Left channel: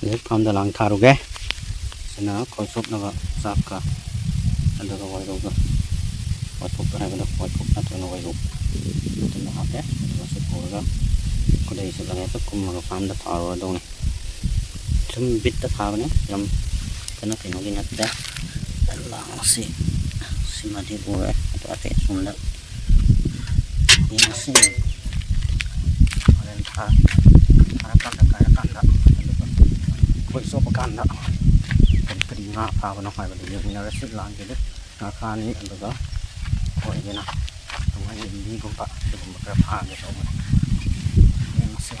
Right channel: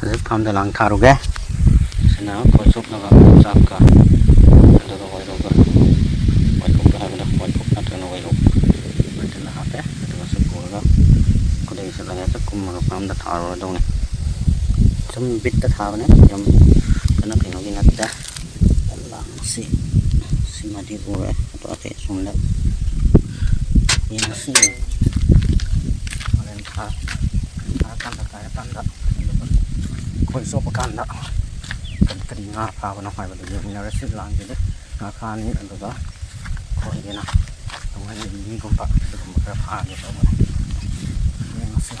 cái farm da lang tharu ge sina khoi sup na ga chak ka ando ga wai ro ga wai ko ka ha ga wai ko na tra na wai ro ta la ha te ta ba su ko ga ko dei sa la ta kum ma farm da tharu do ne chum bit ta tha ne yam kana ka no gi na ta la si si ma di ro e to ate sum la ya si alen tha kan da khoi sup kan da kan tri nga pha ba na hai ba de ni ra sit lang de nga kha ni ando ga khoi ge na to ngai ni gum pa gum pa pha ni to ni na se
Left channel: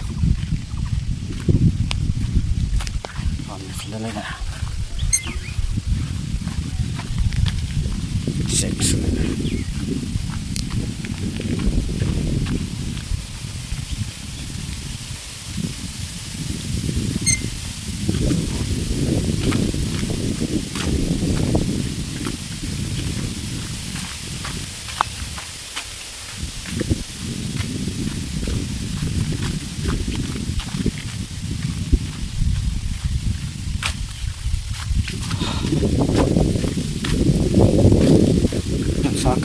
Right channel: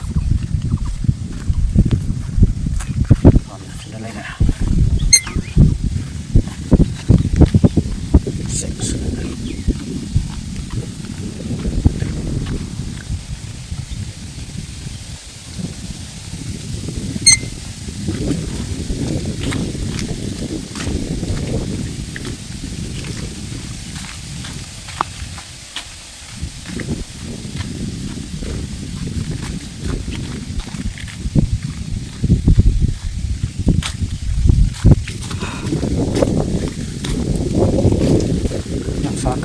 còn lên này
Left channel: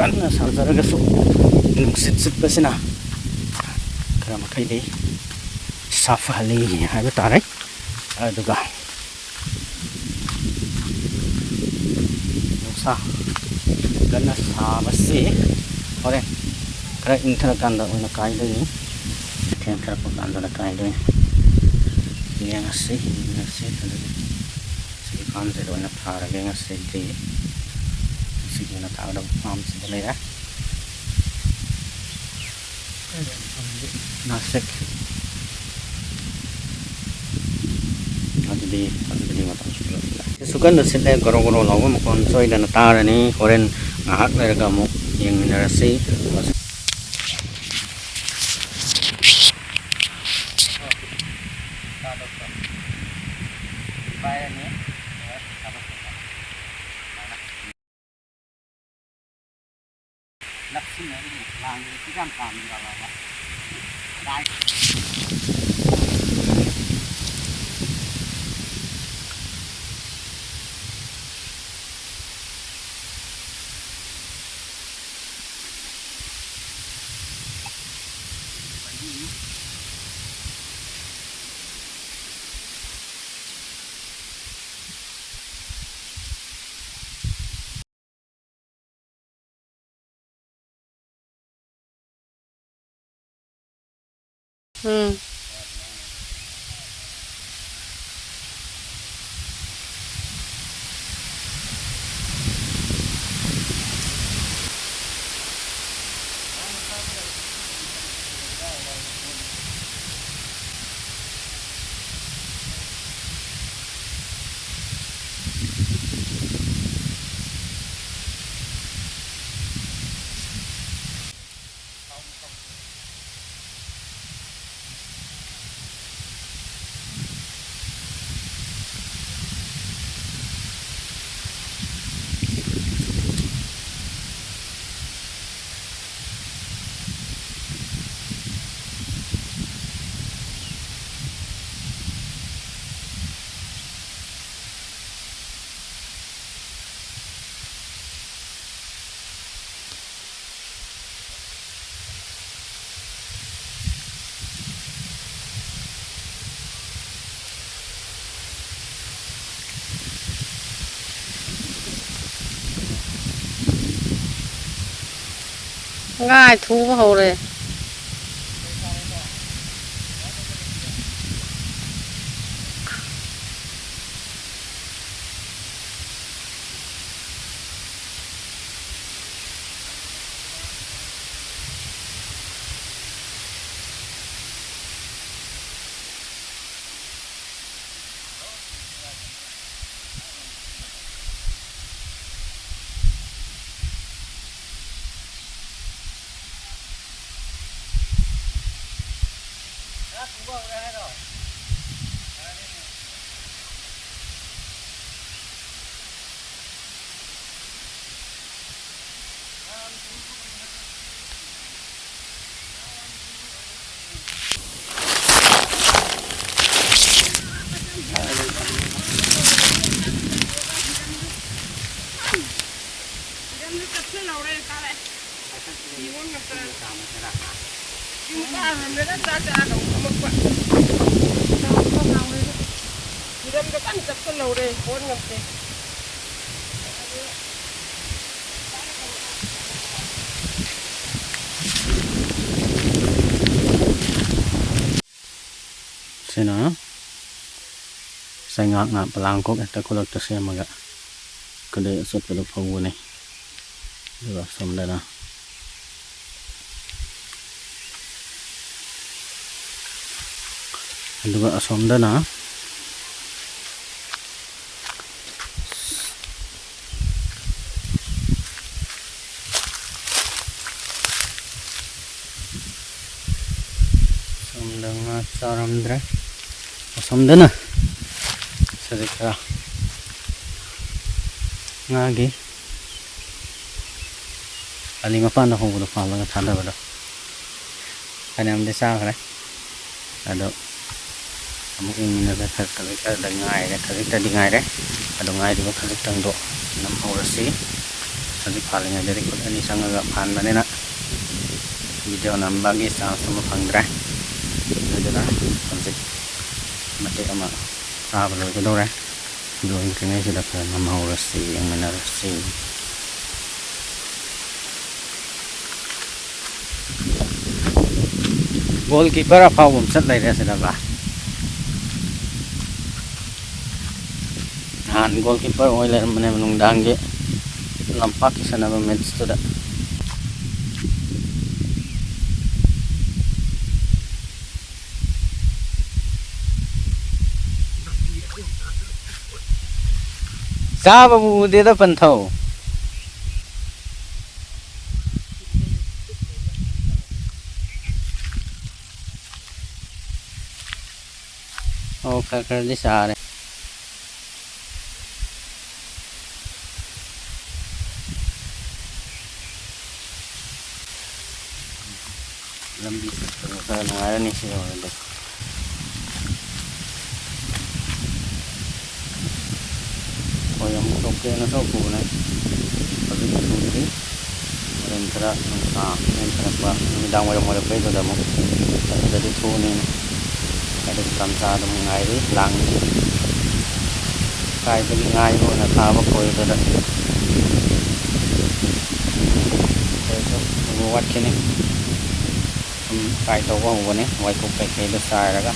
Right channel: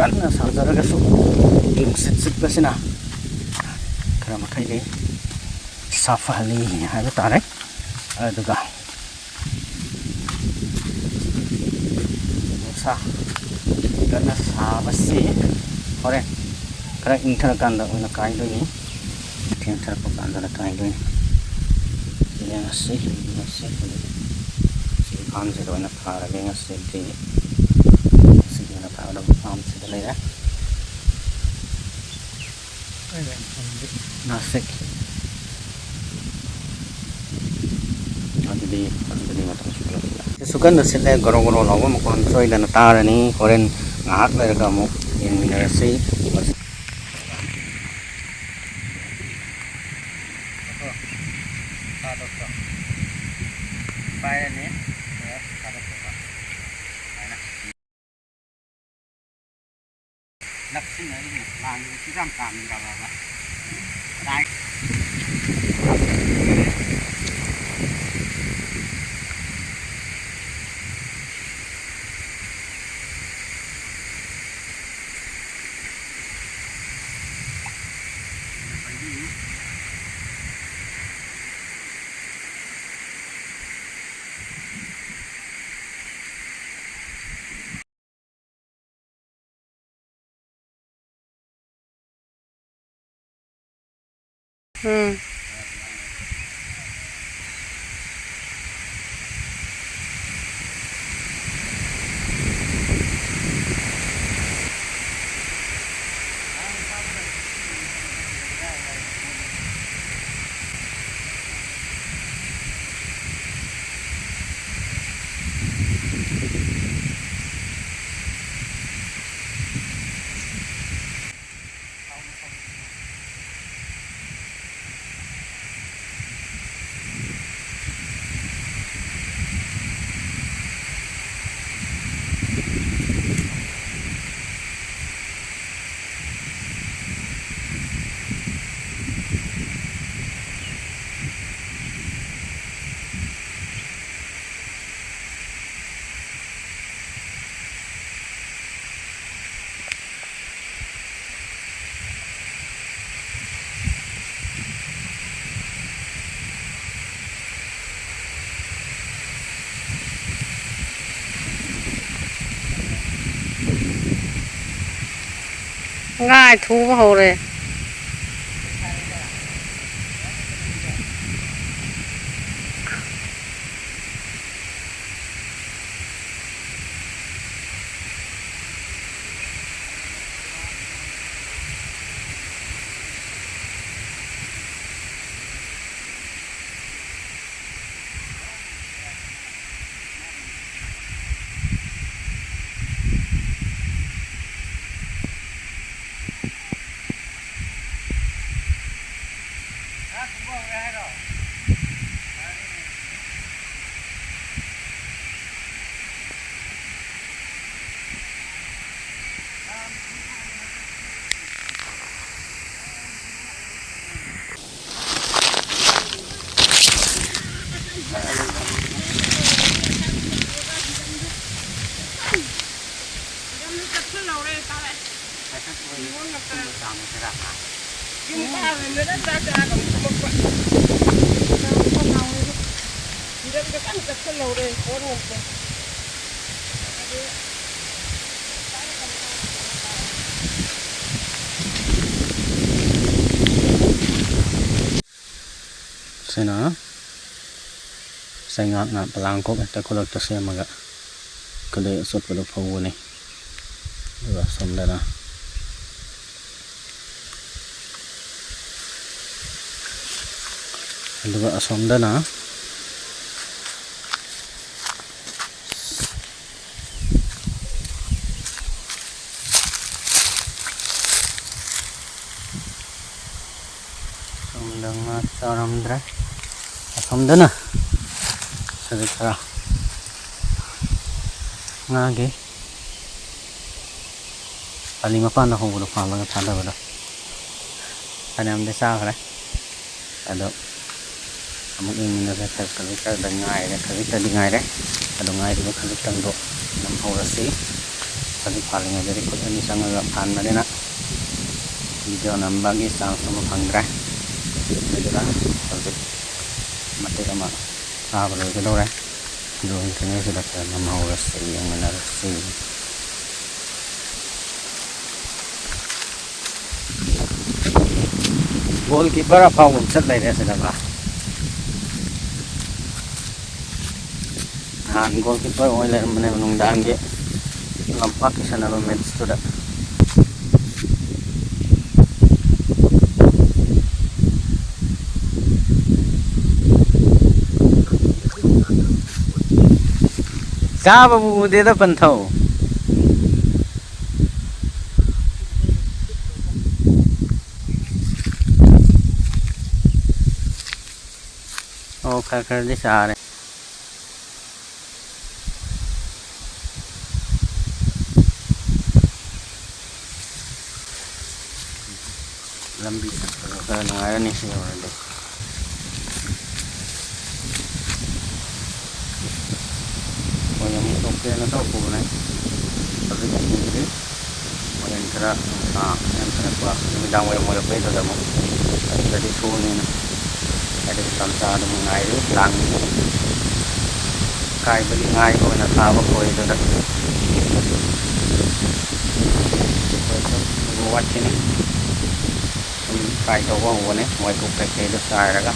kan na sa zaraga so yung sit ba sina kaya makaili safali habi taray aduga sa kan na sa basi ore kaya inthara kanda una kai do ni tem thara pa kanda na kai do ni yang asi si farm se do na thara ge ngasi ti nó tạo động farm sẽ lấy á nó sẽ đi mà tạo cái số cân nó sẽ lấy goro goro lâu một con soi là nó ta rồi nè koren ngát lại cả một những là sĩ bài này nắp xin này làm cái răm tạm gì là đây ngay thu vào rồi Sino sai ngak na palang kok ta kolak ta se maga kade sot pada phawu ni duga somdana duga asomdana somdana saramdra asomdana sedikit ngagi kali mapan aku udah paham banget ada udah ada yang desa kan ada kamu ingin ada terkait dengan air terkait dengan air ada ngai di bawah tang do น้ำ orang sih tapi palingnya dari kod ini sangat pan mana nak video nambah ni sama panggrah adalah subjek mati ama apa lagi tu orang dua ini sudah ke น้ำ orang sih yang mana sih goalkeeper apa pun set lagi dia sudah lah goalkeeper oleh mana menunggang dia lampak di sana match tu dah siapa bu dia tu pentau oh kakak di sana lebih kalau ada nih sih orang deh oh yang oke na sa upo na pag sudri orang kira yang kira pa namidang wala mo pa ito damo jadi tunin ada tamsa ada mengai lang kai bagi ngai ko na kawa ko ito dah ko ito buat ko na kai to ko ho ne wai ko ka ke do sai ra ka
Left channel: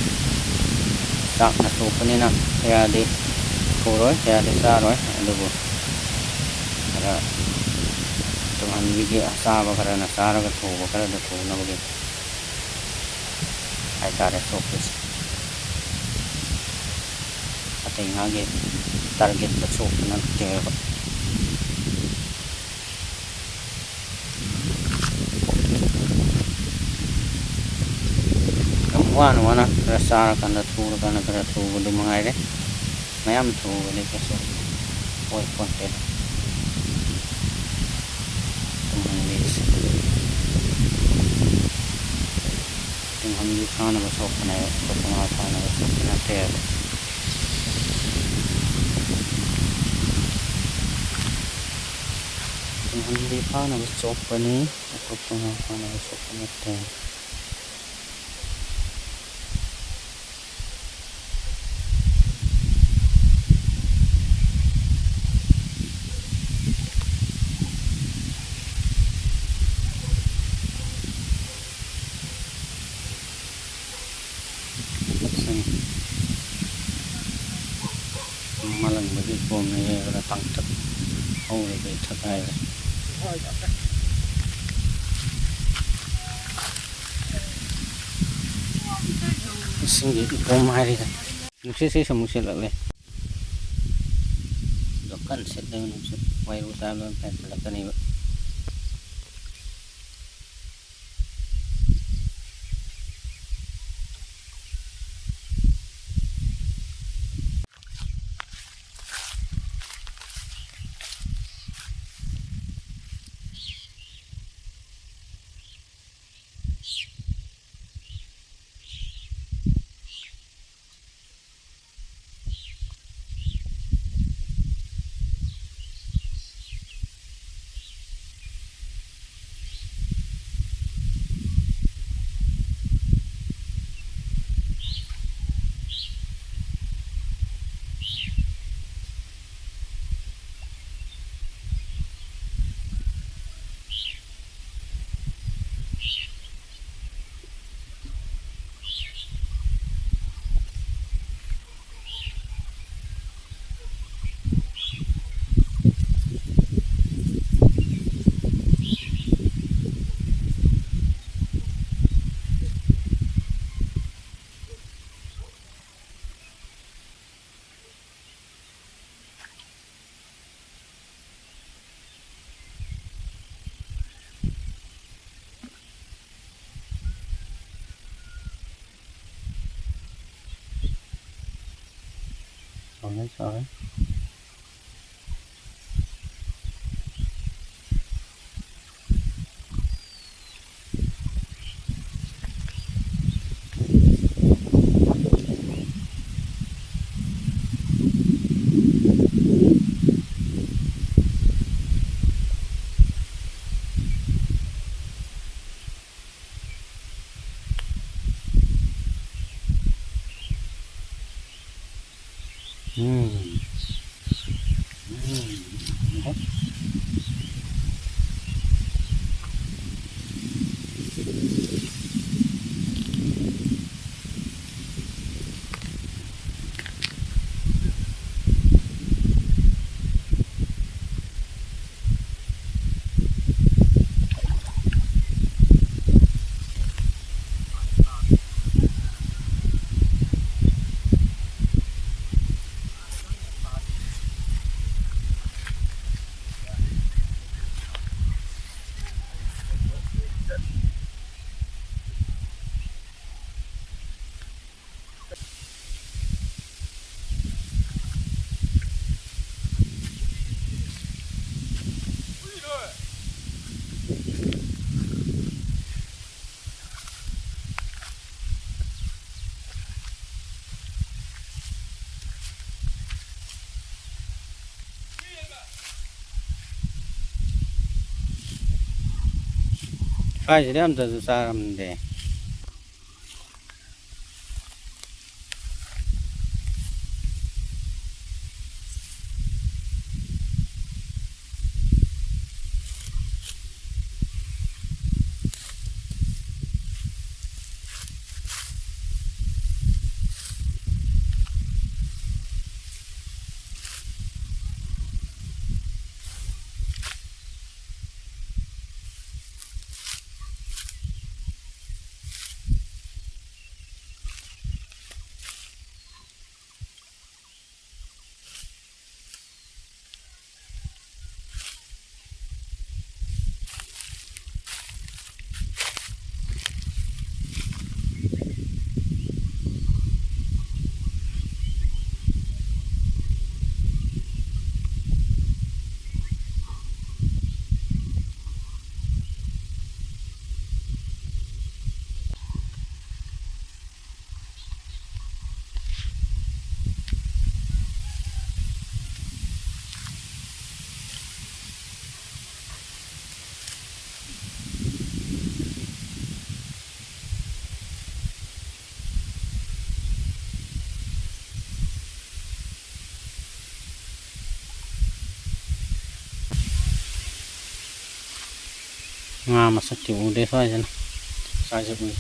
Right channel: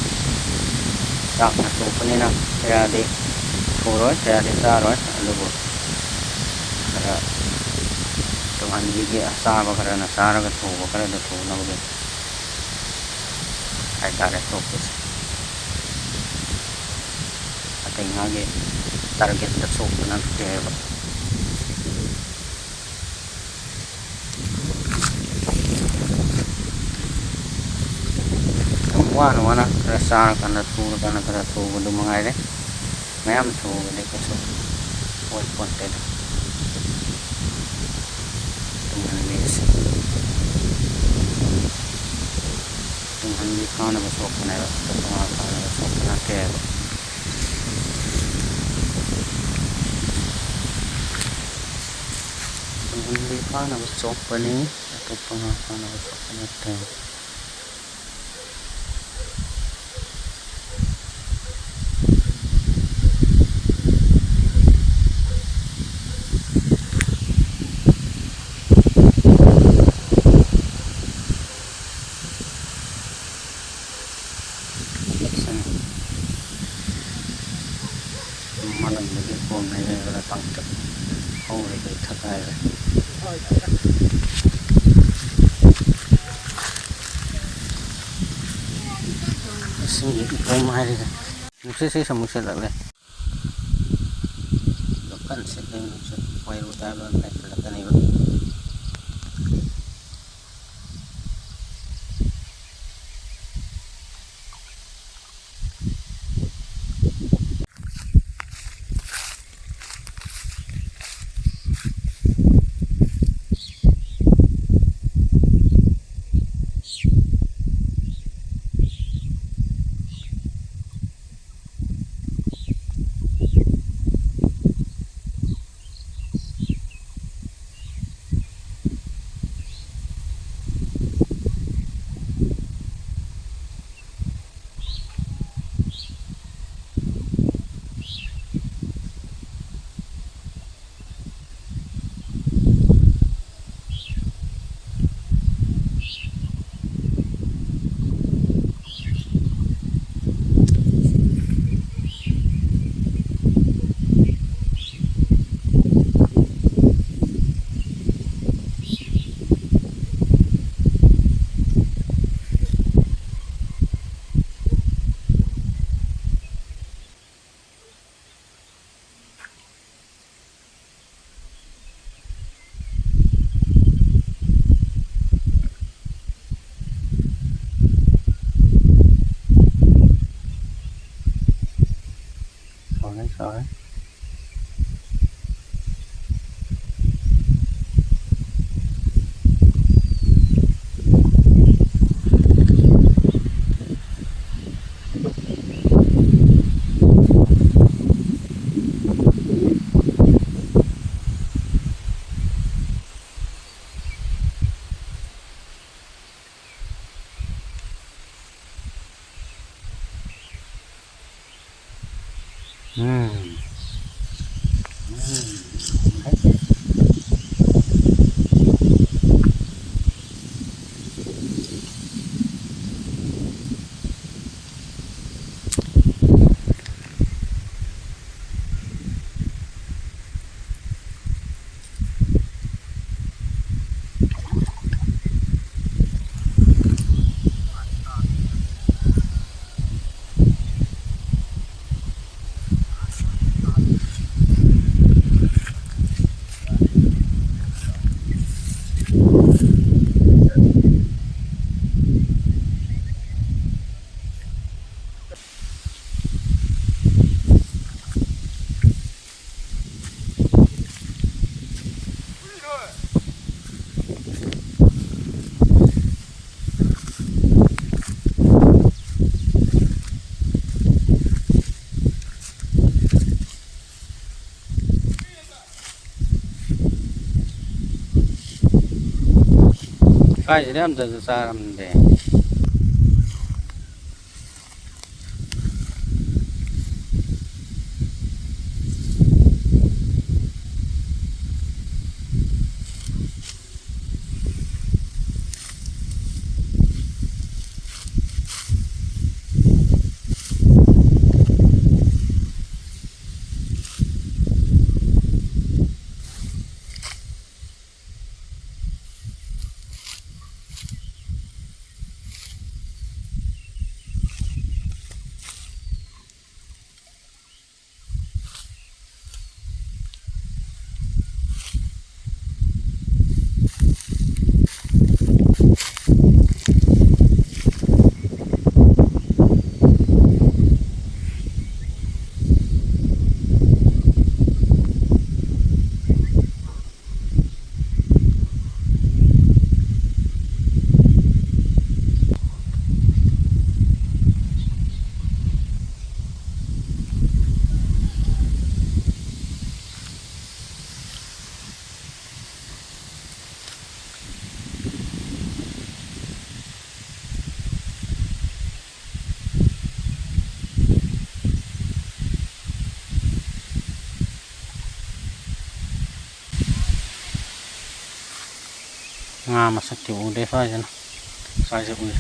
tak na to ko ni na kaya di rồi kaya di sa rồi ano po kaya tuhan hindi asaba kaya nasara ka to kaya do to na ko ay tare focus ating ngagi target na so na deva wana rasa kana tu do mangai de mayam tu ni ko so point content tuman di khana ba so kana to ma khana ba so kana te tuman di khana ba so pani to ma khana ba so kana te malam bagi pom ni ada pangkat oh lagi terkai sini pom hari ni mesti saya semua lah le dokan sedang wai rutai belum kelihatan ni đấy rồi. Phải cái em từ xa làm để masuk di udah aja nah saya punya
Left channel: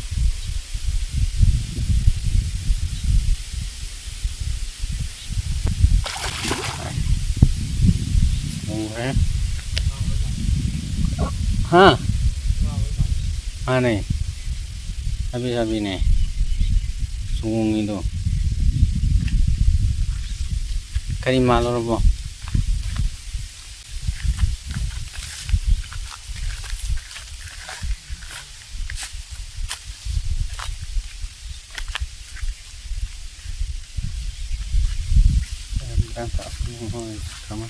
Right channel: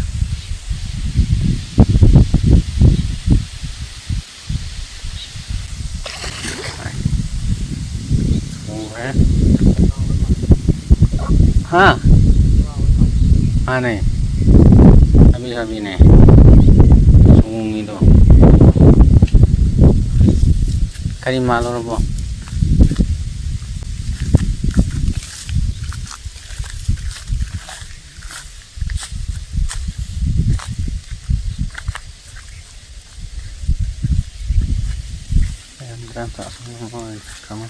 ha aneh habis nih sungung itu kali malu robo berangkat kamu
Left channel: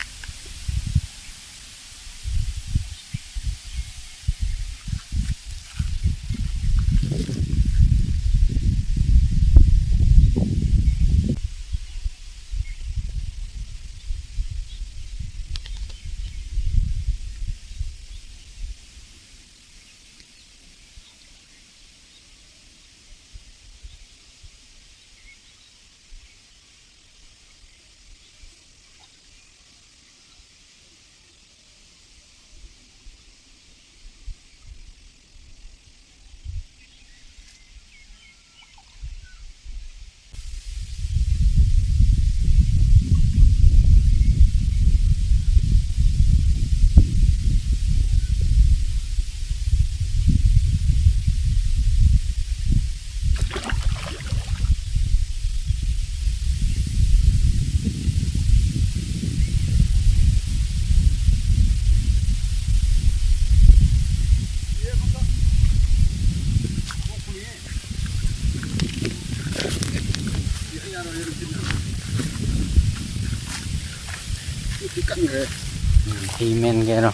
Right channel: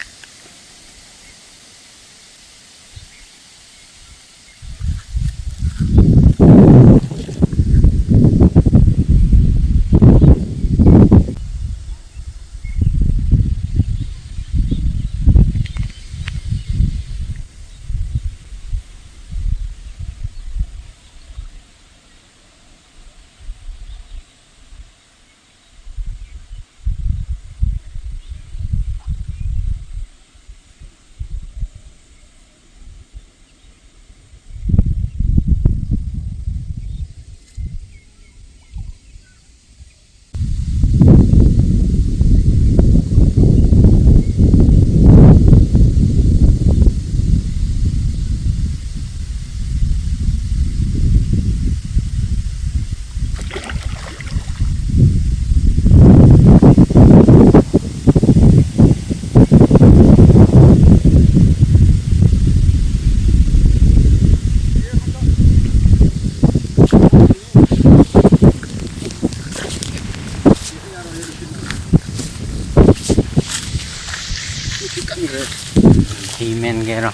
thì men kia rồi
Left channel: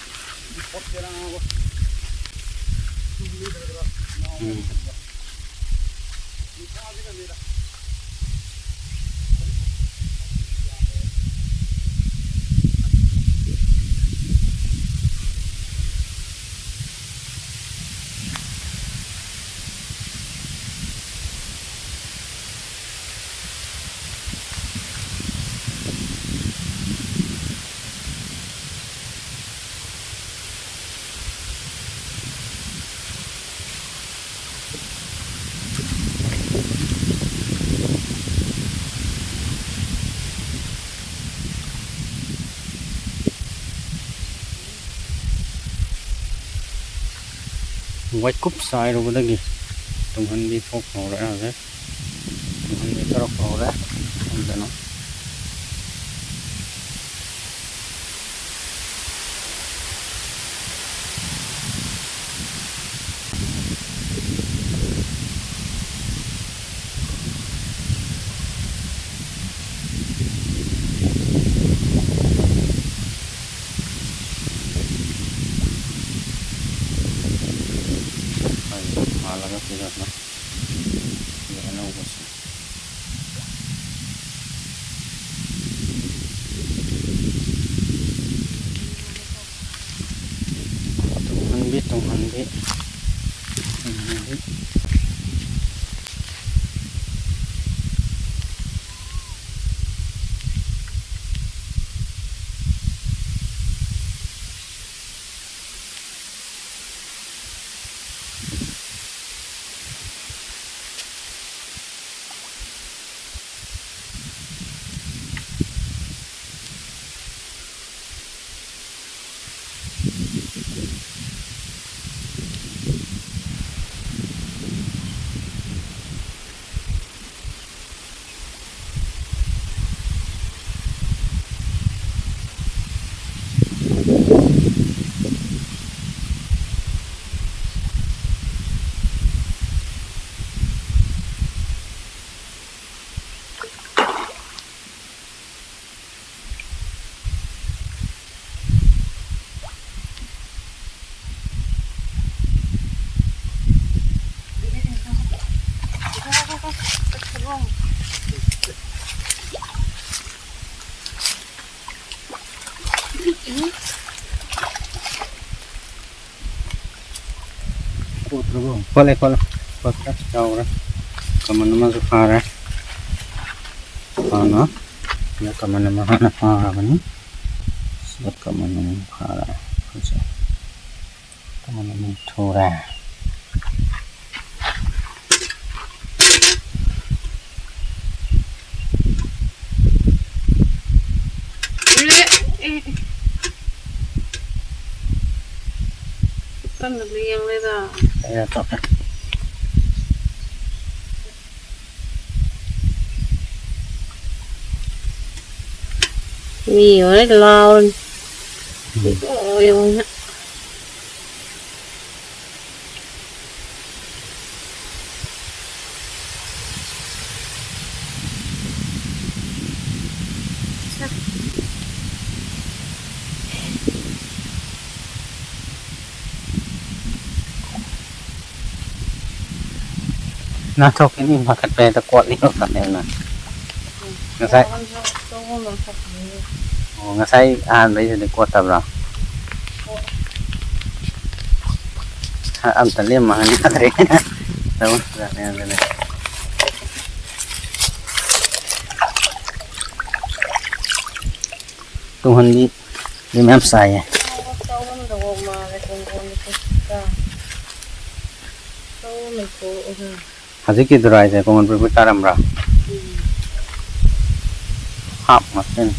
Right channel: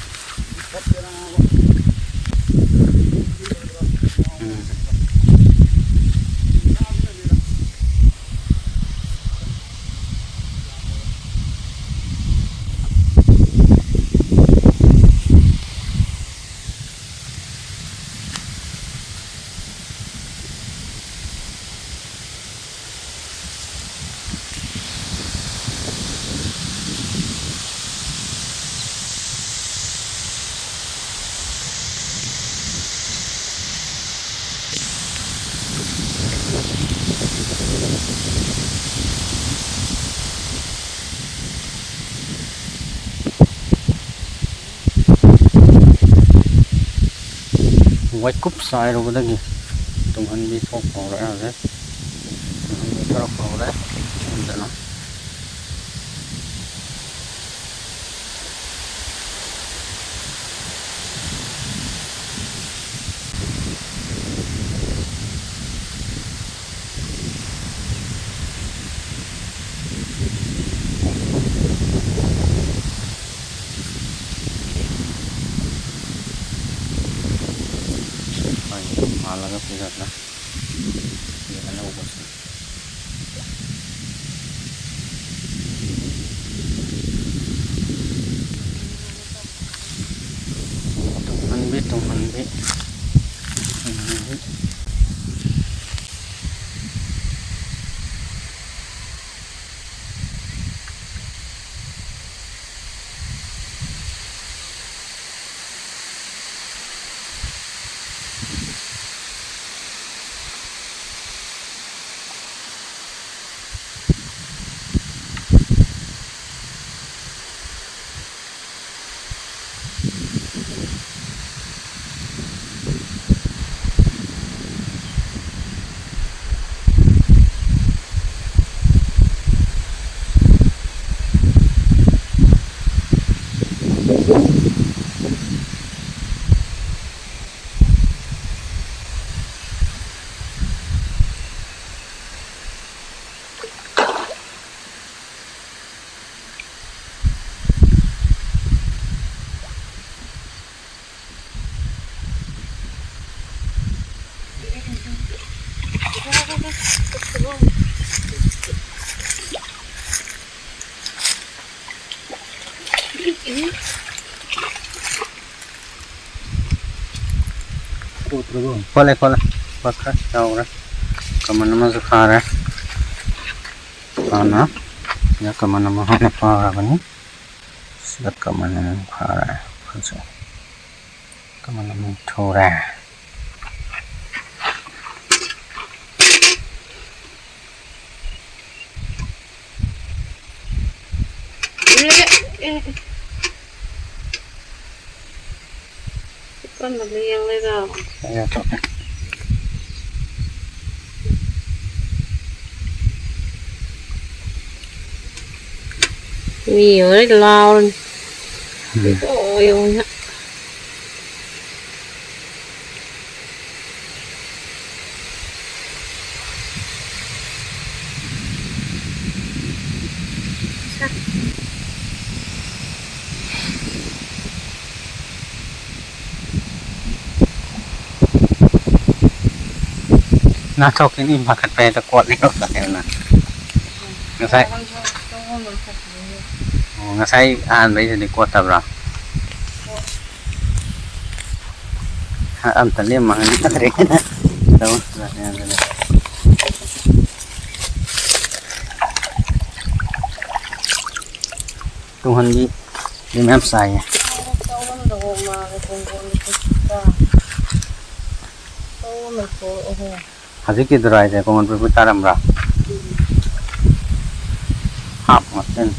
quay cúp sai rồi cái gì tung hình đi phốt hồ đấy nào đấy tung hình đi tháo hồ đấy em đã nói là cái gì đó để nó bớt tung hình biết Boleh bakar jauh lah kemana-mana sekarang mana ya kemana-mana parah ini sudah kemana-mana parah kemana-mana thora con được liêng lên rồi. Đây là chọc này. Nhiều đấy lo lên. Ôi ôi nhá. Nah cok ini makan peta kuat nih kok tanya ngasai oh ngasai bây giờ đi kuat tập rồi âm tần liêm mà đi tắt đấy đâu ra đây tung hình đi em xài Hajiki dry saya kau mau berputar amra. Hap macam